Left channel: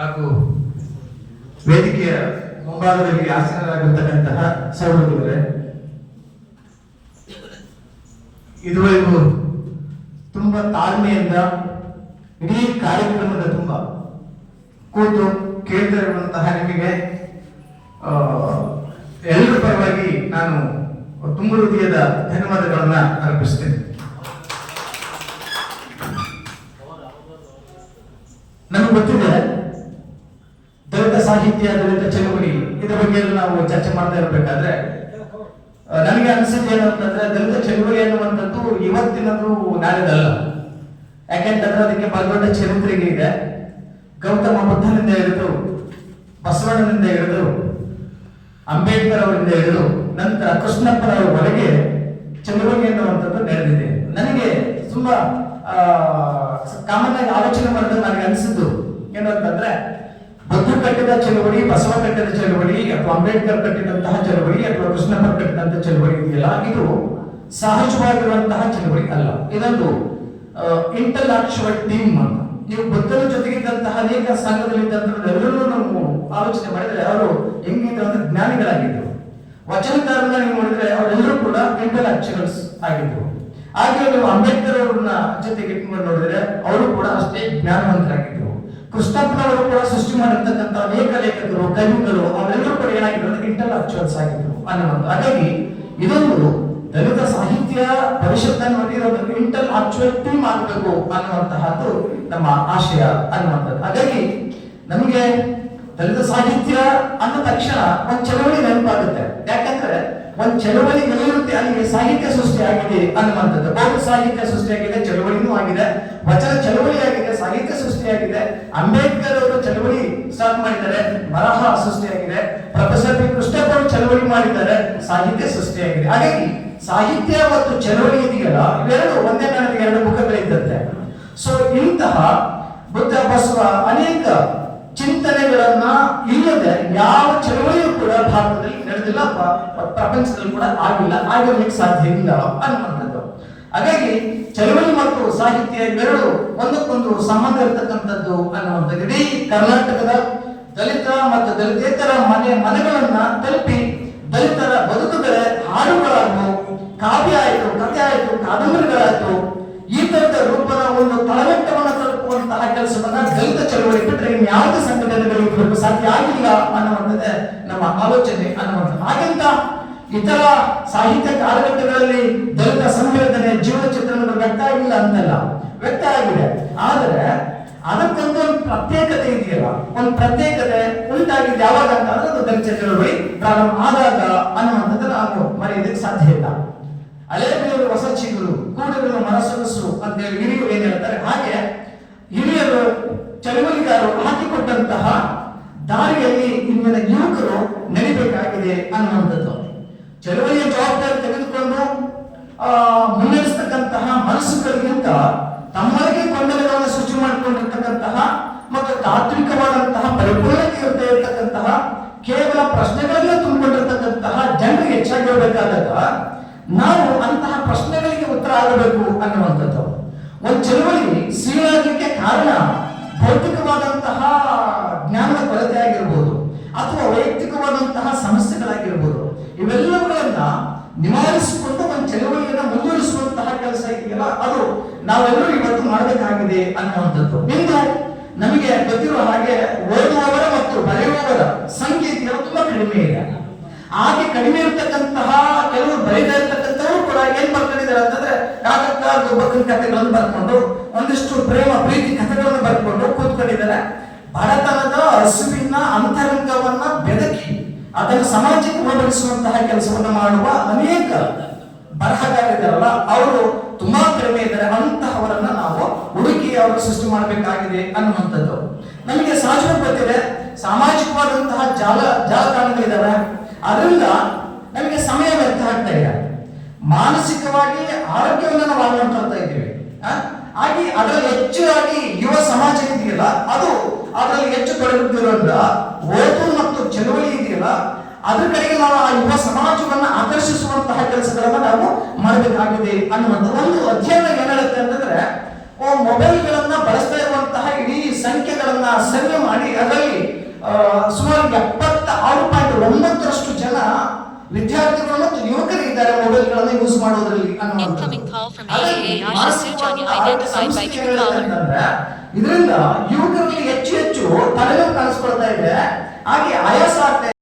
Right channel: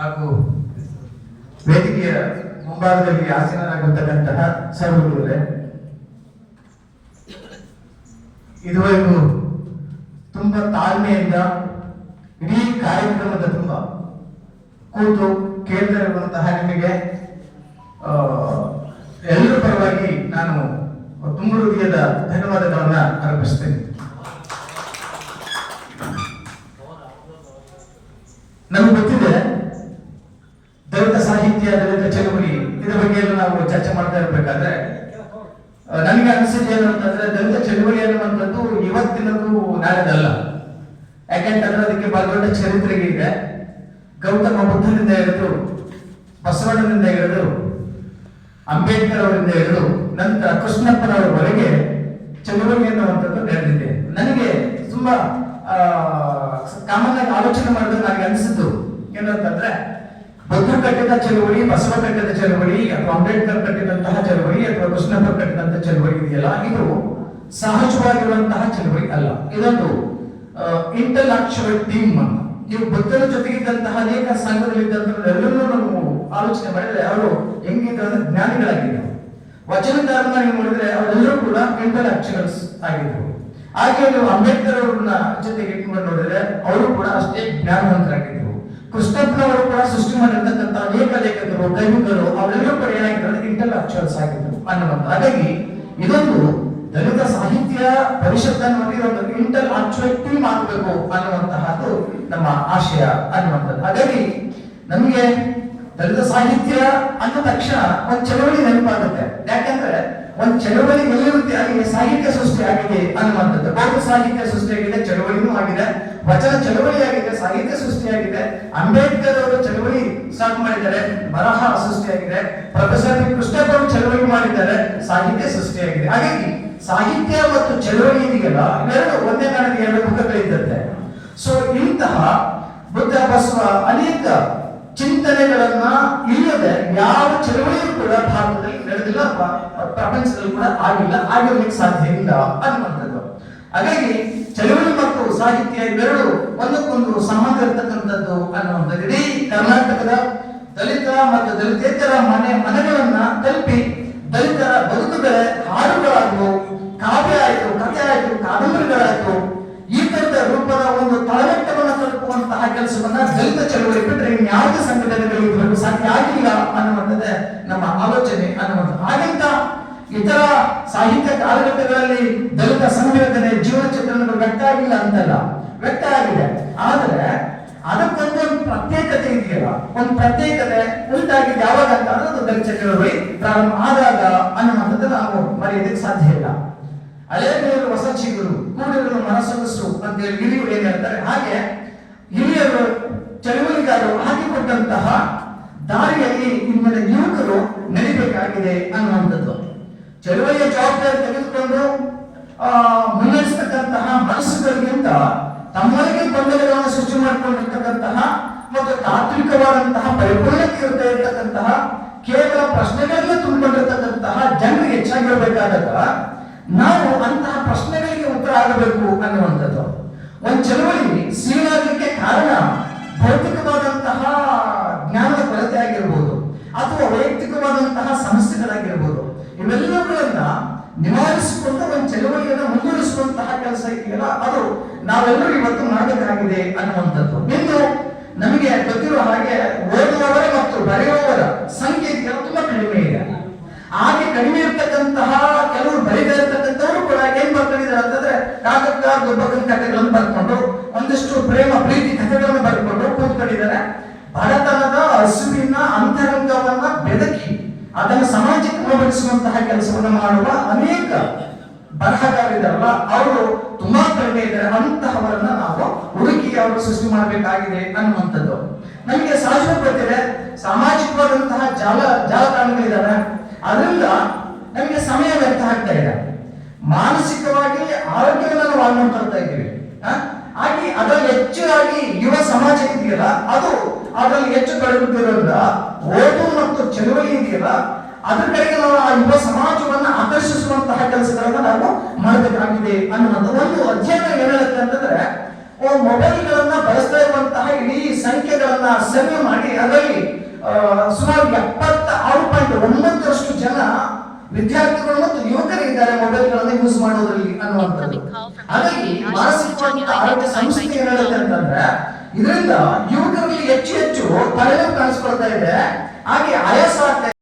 ಹಾಗೂ ವೇದಿಕೆಯ ಮುಂಭಾಗದಲ್ಲಿ ಆಸೀನರಾಗಿರ್ತಕ್ಕಂತಹ ಸಹೋದರರೇ, ಇದುವರೆಗೂ ತುಂಬಾ ತಾಳ್ಮೆಯಿಂದ ಇಡೀ ಕಾರ್ಯಕ್ರಮದ ತುಂಬ ಕೂತು ಕೇಳ್ತಿರುವಂತಹ ನಿಮಗೆ ಎಲ್ಲರ ಪರವಾಗಿ ನಾನು ತುಂಬ ಹೃದಯದ ಧನ್ಯವಾದಗಳನ್ನ ಅರ್ಪಿಸ್ತೇನೆ. ನಮಗೆ ಗೊತ್ತಿದೆ ದಲಿತ ಸಾಹಿತ್ಯ, ದಲಿತ ಚಳವಳಿ ಇದರ ಬಗ್ಗೆ ಎಲ್ಲ ನಾವು ಚರ್ಚೆ ಮಾಡ್ತಾ ಇರಬೇಕಾದ್ರೆ ನನಗೆ ಅನಿಸಿದ್ದು ಏನಂತಂದ್ರೆ, ದಲಿತ ಚಳವಳಿ ಅನ್ನುವಂಥದ್ದು ಇವತ್ತಿನದು ನಾಳೆದಲ್ಲ. ಯಾಕೆಂತಂದ್ರೆ ಅದಕ್ಕೆ ಬಹಳ ದೊಡ್ಡ ಚರಿತ್ರೆಗೆ ಇದೆ. ಗೌತಮ ಬುದ್ಧನಿಂದ ಹಿಡಿದು, ಬಸವಣ್ಣನಿಂದ ಹಿಡಿದು, ಅಂಬೇಡ್ಕರ್ ಅವರಿಂದ ಹಿಡಿದು ನಂತರ ಕೃಷ್ಣಪ್ಪನವರವರೆಗೆ ಚಳವಳಿ ಎನ್ನುವಂಥದ್ದು ನಡೆದಿದೆ. ನನಗೆ ತುಂಬಾ ಕಾಮನ್ ಆಗಿ ಆಲೋಚನೆ ಮಾಡಿದ್ರೆ ನನಗೆ ಅನಿಸಿದ್ದು ಏನಂತಂದ್ರೆ, ಬುದ್ಧ ಕಟ್ಟಿದ ಚಳವಳಿ, ಬಸವ ಕಟ್ಟಿದ ಚಳವಳಿ, ಅಥವಾ ಅಂಬೇಡ್ಕರ್ ಕಟ್ಟಿದಂತಹ ಚಳವಳಿ, ಅಥವಾ ಕೃಷ್ಣಪ್ಪ ಕಟ್ಟಿದಂತಹ ಚಳವಳಿ ಇದೆಯಲ್ಲ, ಇದು ಸಹಜವಾಗಿರುವಂತಹ ಚಳವಳಿ ಅಲ್ಲ. ಇದೊಂದು ಇಂಟೆಲೆಕ್ಚುವಲ್ ಟೀಮ್ ಅಂತ. ನೀವು ಬುದ್ಧನ ಜೊತೆಗಿದ್ದಂತಹ ಅನೇಕ ಸಂಘದಲ್ಲಿದ್ದಂಥವರೆಲ್ಲರೂ ನಾವು ಆಲೋಚನೆ ಮಾಡಿದ್ರೆ ಅವರು ಹೆಂಗಿದ್ರು ಅಂದ್ರೆ ಜ್ಞಾನಿಗಳಾಗಿದ್ರು. ವಚನಕಾರನ ನೀವು ನೋಡಿದ್ರೆ ಅವರೆಲ್ಲರೂ ಕೂಡ ಇಂಟೆಲೆಕ್ಚುವಲ್ಸ್ ಆಗಿದ್ರು. ಹಾಗೆ ನೀವು ಅಂಬೇಡ್ಕರ್ ಅವ್ರನ್ನ ಜೊತೆಗೆ ಇಟ್ಕೊಂಡು ನೋಡಿದ್ರೆ ಅವರು ಕೂಡ ಅಷ್ಟೇ ಜ್ಞಾನವಂತರಾಗಿದ್ರು. ಕೃಷ್ಣಪ್ಪನವರು ಕೂಡ ಸೃಷ್ಟಿ ಮಾಡಿರ್ತಕ್ಕಂಥ ಅನೇಕ ಲೇಖಕರು, ಕವಿಗಳು ಅವರೆಲ್ಲರೂ ಕೂಡ ಏನಾಗಿದ್ರು, ಇಂಟೆಲೆಕ್ಚುವಲ್ಸ್ ಆಗಿದ್ರು ಅನ್ನುವಂಥ. ಹಾಗಾಗಿ ಇದೊಂದು ದಲಿತ ಸಾಹಿತ್ಯ ಪರಿಷತ್ ಅನ್ನುವಂಥ ಇದೊಂದು ಇಂಟೆಲೆಕ್ಚುವಲ್ ಟೀಮ್ ಆಗಬೇಕು ಅನ್ನುವಂತಹದ್ದು ನಮ್ಮ ಆಶಯ ಅನ್ನುವಂಥದ್ದು. ಹಾಗಾಗಿ ನಮಗೆ ದಲಿತ ಸಾಹಿತ್ಯ ಅಂದ ತಕ್ಷಣ ಒಂದು ಚಳವಳಿ ನೆನಪಾಗುತ್ತೆ. ಯಾಕಂದ್ರೆ ಒಂದು ಚಳವಳಿ ಎಲ್ಲಿರುತ್ತೆ ಅಲ್ಲಿ ಸಾಹಿತ್ಯ ಸೃಷ್ಟಿ ಆಗಿದೆ ಅನ್ನುವಂಥದ್ದು. ಬೌದ್ಧ ಸಾಹಿತ್ಯ ಸೃಷ್ಟಿಯಾಗಿದೆ, ಚಳವಳಿನೂ ಆಗಿದೆ. ವಚನ ಚಳವಳಿ ಆಗಿದೆ, ಸಾಹಿತ್ಯ ಸೃಷ್ಟಿಯಾಗಿದೆ. ಅಂಬೇಡ್ಕರ್ ಅವರು ಚಳವಳಿ ಸ್ಟಾರ್ಟ್ ಮಾಡಿದ್ದಾರೆ, ಬರಹ ಸೃಷ್ಟಿಯಾಗಿದೆ. ಪ್ರೊಫೆಸರ್ ಕೃಷ್ಣಪ್ಪ ಅವರು ಚಳವಳಿ ಮಾಡಿದ್ದಾರೆ, ಸಾಹಿತ್ಯ ಸೃಷ್ಟಿಯಾಗಿದೆ. ಹಾಗಾಗಿ ಸಾಹಿತ್ಯ ಮತ್ತು ಚಳವಳಿ ಇದೆಯಲ್ಲ, ಇವೆರಡು ಒಂದೇ ನನಗೆ ಎರಡು ಮುಖಗಳಿದ್ದಂತೆ. ಸೊ ಇಂತಹ ಬುದ್ಧ, ಬಸವ ಅನೇಕ ಚಿಂತನೆಗಳನ್ನ ಇಲ್ಲದೆ ಯಾವ ಚಳವಳಿಯೂ ಕೂಡ ಭಾರತದಲ್ಲಿ ನಡೆದಿಲ್ಲ, ಪ್ರಪಂಚದಲ್ಲಿ ಕೂಡ ಆಗಿಲ್ಲ, ಆಗಲಿಕ್ಕೆ ಸಾಧ್ಯ ಇಲ್ಲ ಅನ್ನುವಂಥದ್ದು. ಹಾಗಾಗಿ ಚಳವಳಿ ಮತ್ತು ಸಾಹಿತ್ಯ ಇವೆರಡು ಒಂದಕ್ಕೊಂದು ಸಂಬಂಧ ಇರತಕ್ಕಂಥದ್ದು ಅನ್ನುವಂಥದ್ದು. ಇಡೀ ಕರ್ನಾಟಕದ ದಲಿತ ಮತ್ತು ದಲಿತೇತರ ಮನೆಗಳನ್ನ ತಲುಪಿ ದಲಿತರ ಬದುಕುಗಳ ಹಾಡುಗಳಾಯ್ತು, ಕಾವ್ಯ ಆಯ್ತು, ಕಥೆ ಆಯ್ತು, ಕಾದಂಬರಿಗಳಾಯ್ತು, ಈ ತರದ ರೂಪದ ಒಂದು ತಳಮಟ್ಟವನ್ನು ತಲುಪುವಂತಹ ಕೆಲಸವನ್ನ ದಲಿತ ಚಳವಳಿ ಬಿಟ್ಟರೆ ಯಾವುದೇ ಸಂಘಟನೆಗಳಿಗೆ ಸಾಧ್ಯ ಆಗಿಲ್ಲ ಅನ್ನುವಂಥದ್ದೇ ನಮ್ಮ ಆಲೋಚನೆ ಅನ್ನುವಂಥದ್ದು. ಹಾಗೆಂತ ಇತರ ಸಾಹಿತ್ಯ ಕಾಲಘಟ್ಟಗಳಲ್ಲಿ ದಲಿತ ಸಂವೇದನೆ, ಜೀವನ ಚಿತ್ರಣಗಳು ವ್ಯಕ್ತ ಆಗಿಲ್ಲ ಅಂತಲ್ಲ, ವ್ಯಕ್ತ ಆಗಿದೆ. ಆದರೆ ಅದಕ್ಕೊಂದು ಪ್ರತ್ಯೇಕತೆ ಇದೆಯಲ್ಲ, ಒಂದು ಪ್ರತ್ಯೇಕತೆ ಉಂಟಾಗಿದೆ ಯಾವಾಗ ಅಂತ ಅದು ದಲಿತ ಚಳವಳಿ ಪ್ರಾರಂಭ ಆದಾಗ ಅನ್ನುವಂಥದ್ದು ನಾವು ಮರೆಯೋದಕ್ಕೆ ಸಾಧ್ಯ ಇಲ್ಲ. ಹಳೆ ಬೇರು ಹೊಸ ಚಿಗುರು, ಕೂಡಿರಲು ಮನಸ್ಸೊಗಸು ಅಂತ ಹೇಳಿ ಹಿರಿಯರು ಏನ್ ಹೇಳ್ತಾರೆ, ಹಾಗೆ ಹಿರಿಯರು ಚಳವಳಿಗಾರರು ಹಾಕಿಕೊಟ್ಟಂತಹ ದಾರಿಯಲ್ಲಿ ಇಂದಿನ ಯುವಕರು ನಡಿಬೇಕಾಗಿದೆ ಅನ್ನುವಂಥದ್ದು. ಚಳವಳಿಯ ಜವಾಬ್ದಾರಿ ತೆಗೆದುಕೊಂಡು ಮುನ್ನಡೆಸತಕ್ಕಂತಹ ಮನಸ್ಸುಗಳಿಗಿಂತ ತಮ್ಮೊಳಗೆ ಗೊಂದಲಗಳನ್ನು ಸೃಷ್ಟಿ ಮಾಡಿಕೊಂಡಿರ್ತಕ್ಕಂತಹ ಮತ್ತು ತಾತ್ವಿಕವಾದಂತಹ ಪರಿಪೂರ್ಣತೆ ಇರತಕ್ಕಂತಹ ಕೇವಲ ಪ್ರಶ್ನೆಗಳಿಗೆ ತುಂಬಿಕೊಂಡಿರ್ತಕ್ಕಂತಹ ಜನರಿಗೆ ಹೆಚ್ಚಾಗಿರಬೇಕಾದಾಗ ನಾವು ಅಂತಹ ಪ್ರಶ್ನೆಗಳಿಗೆ ಉತ್ತರ ಆಗಬೇಕು ಅನ್ನುವಂಥದ್ದು. ಒಂದು ಚಳವಳಿ ಸೀಳಾಗಲಿಕ್ಕೆ ಕಾರಣ ಭೌತಿಕವಾದಂತಹ ಜ್ಞಾನದ ಕೊರತೆ ಆಗಿರ್ಬೋದು, ಅಥವಾ ವೈಯಕ್ತಿಕವಾದಂತಹ ಸಮಸ್ಯೆಗಳಾಗಿರ್ಬೋದು. ಇವೆಲ್ಲವುಗಳನ್ನ ನಿವಾರಿಸಿಕೊಂಡು ಒಂದು ಚಳವಳಿಯನ್ನು ಮುಂದುವರಿಸುವಂತಹ ಕೆಲಸ ಇದೆಯಲ್ಲ, ಅದು ನಾವೆಲ್ಲರೂ ಇವತ್ತು ಮಾಡಬೇಕಾಗಿದೆ ಅನ್ನುವಂಥದ್ದು. ಇಂದು ನಮಗೆ ಗೊತ್ತಿರುವ ಹಾಗೆ ಓದುವವರ ಮತ್ತು ಬರೆಯುವವರ ಸಂಖ್ಯೆ ತುಂಬಾ ಕಡಿಮೆ ಇದೆ. ಹಾಗೆ ಕಡಿಮೆ ಇರ್ತಕ್ಕಂತಹ ಕೆಲವರು ಬರೀತಾ ಇರ್ತಕ್ಕಂಥವ್ರು ಕೂಡ ಏನ್ ಬರ್ಕೊಂಡಿದ್ದಾರೆ ಅಂತಂದ್ರೆ, ಕಾಕಕ್ಕ ಗೊಬ್ಬಕ್ಕನ ಕಥೆಗಳನ್ನು ಬರ್ಕೊಂಡು, ಒಂದಿಷ್ಟು ಪ್ರೇಮ ಪ್ರೀತಿ ಕಥೆಗಳನ್ನು ಬರ್ಕೊಂಡು ಕೂತ್ಕೊಂಡಿದ್ದಾರೆ. ಬಡತನದ ಹಸುವಿನ ಅಂತರಂಗವನ್ನ ಬೆದಕಿ ಅದನ್ನು ಸಮಾಜಕ್ಕೆ ಹೋಗಡಿಸುವಂತಹ ಕೆಲಸವನ್ನ ಮಾಡುವ ಅನೇಕ ಬರಹಗಾರಿದಾರಲ್ಲ, ಅವರು ತುಂಬಾ ಕಡಿಮೆ ಇದ್ದಾರೆ. ಅಂತಹವರನ್ನ ನಾವು ಹುಡುಕಿ ಅವರು ಸೃಷ್ಟಿ ಮಾಡಬೇಕಾಗಿದೆ ಅನ್ನುವಂಥದ್ದು. ನಮಗೆ ಸಹಜವಾಗಿ ಗೊತ್ತಿದೆ, ಸಾಮಾಜಿಕವಾದಂತಹ ಜಾಲತಾಣಗಳಿದ್ದಾವೆ. ಅದರಿಂದ ನಮಗೆ ಸಮಯ ವ್ಯರ್ಥ ಆಗ್ತಾ ಇದೆ. ಮಾನಸಿಕವಾಗಿ ಆರೋಗ್ಯವನ್ನು ನಾವು ಹಾಳು ಮಾಡ್ತಾ ಇದ್ದೀವಿ. ಹಾಗೆ ಅದರಲ್ಲಿ ಹೆಚ್ಚಾಗಿ ಯುವ ಸಮಾಜ ಇದೆಯಲ್ಲ, ಅದು ಅದರಲ್ಲಿ ಹೆಚ್ಚು ತೊಡಗುತ್ತಿರೋದ್ರಿಂದ ಓದು ಮತ್ತು ಚಳವಳಿ ಇದೆಯಲ್ಲ, ಅದ್ರ ಕಡೆಗೆ ನಾವು ಆ ಯುವ ಸಮಾಜವನ್ನು ಆಕರ್ಷಿಸುವಂತಹ ಕೆಲಸಗಳನ್ನ ನಾವು ಮಾಡಬೇಕಾಗಿದೆ ಅನ್ನುವಂಥ ಒಂದು ಅಧ್ಯಯನ ಏನಾಗುತ್ತೆ ಅಂತಂದ್ರೆ, ಮೊಬೈಲ್ಗಳನ್ನ ಬಳಸ್ತಾ ಇರುವಂತಹ ಇಡೀ ಸಂಖ್ಯೆಗಳನ್ನ ಸರ್ವೆ ಮಾಡಿ ಅದರಲ್ಲಿ ಸುಮಾರು 76.9% ಜನ ವಿದ್ಯಾರ್ಥಿಗಳು ಮತ್ತು ಯುವಕರು ಇದ್ದಾರೆ ಮೊಬೈಲ್ಗಳನ್ನು ಯೂಸ್ ಮಾಡೋದ್ರಲ್ಲಿ ಅನ್ನುವಂಥದ್ದು. ಹಾಗಾಗಿ ಮಾನಸಿಕವಾದ ಆರೋಗ್ಯ ಸಂಸ್ಥೆ ಹೇಳೋದಂತಂದ್ರೆ ಇದರಿಂದ ಯುವಕರಲ್ಲಿ ಹೆಚ್ಚು ತಲೆನೋವು ಕಾಣಿಸ್ಕೊಳ್ತಾ ಇದೆ, ಹಾಗೆ ಆಯಾಸ ಆಗ್ತಾ ಇದೆ.